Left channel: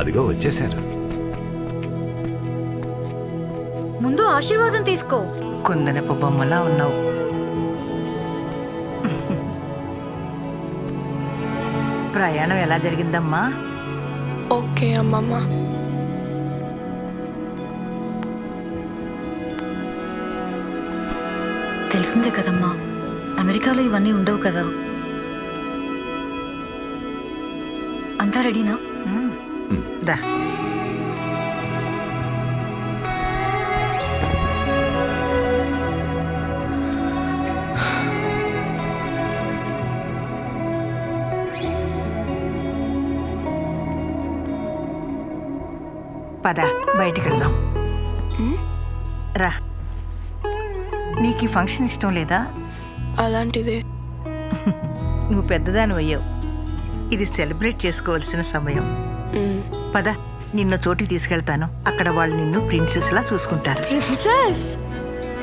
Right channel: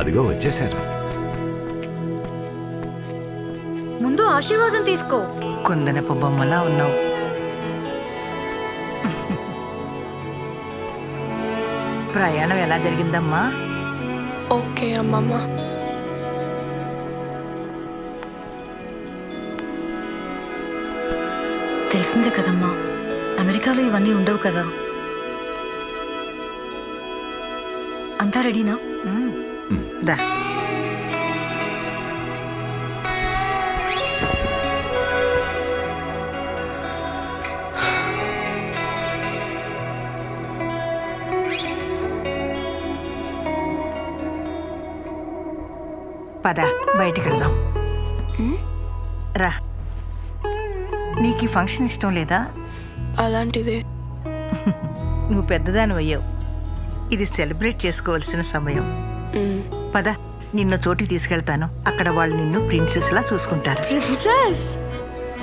అదిగో వచ్చేశారు. ముందు ఆశీర్వాదం తీసుకో. కుందనపు బొమ్మలా ఉన్నావు. ప్రయాణం ఎలా జరిగిందమ్మా? ఓకే అమ్మమ్మ. తెలిసిందే కదమ్మా అమెరికాలో ఇవన్నీ ఉండవు కదా. అంతా రెడీనా. దా పద బయటికి వెళ్దాం రా. నీకు ఈ ఫంక్షన్ ఇష్టం లేదా? అలాంటిదే. నువ్వు పెద్దదాని అయ్యావు ఇది సెలబ్రేట్ చేసుకోవాల్సిన సమయం. పద నిన్ను చోటికి తీసుకెళ్తాను. అక్కడ వాళ్ళు నిన్ను ప్రిన్సెస్ లా చూసుకుంటారు. Princess!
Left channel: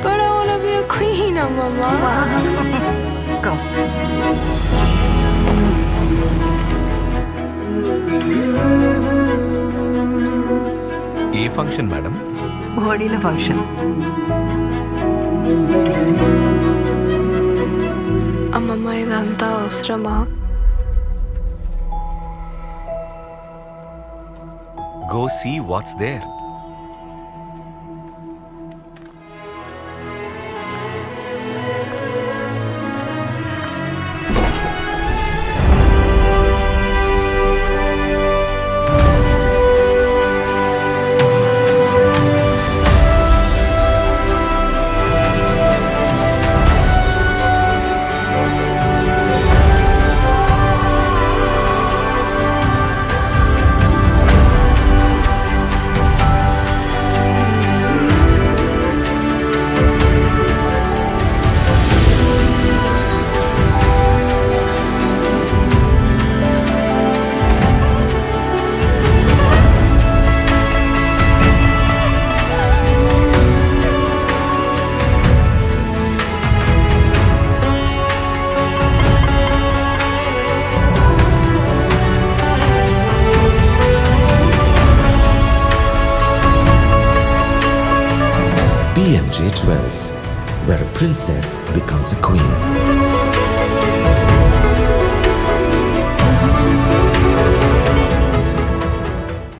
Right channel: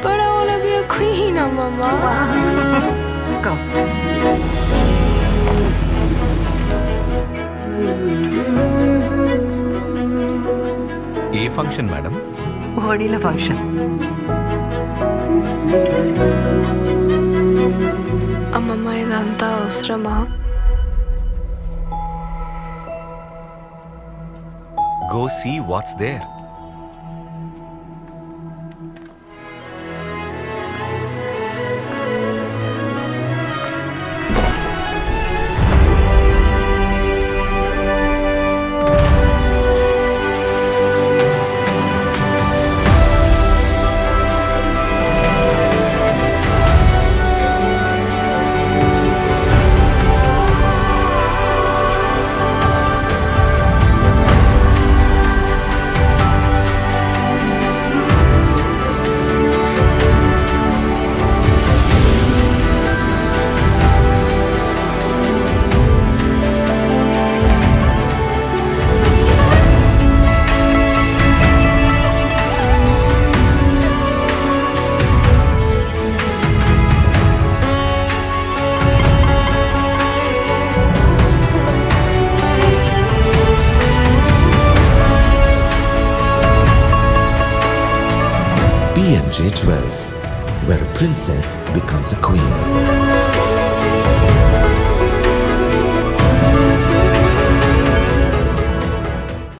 But I wanna be a queen, అమ్మమ్మ. Come. ఏ ఫంక్షన్ మేడం? హోడీల ఫంక్షన్. అమ్మమ్మ ఇదంతా అవసరమా? Go see what's there. PMJ Jewels, where a princess becomes a queen.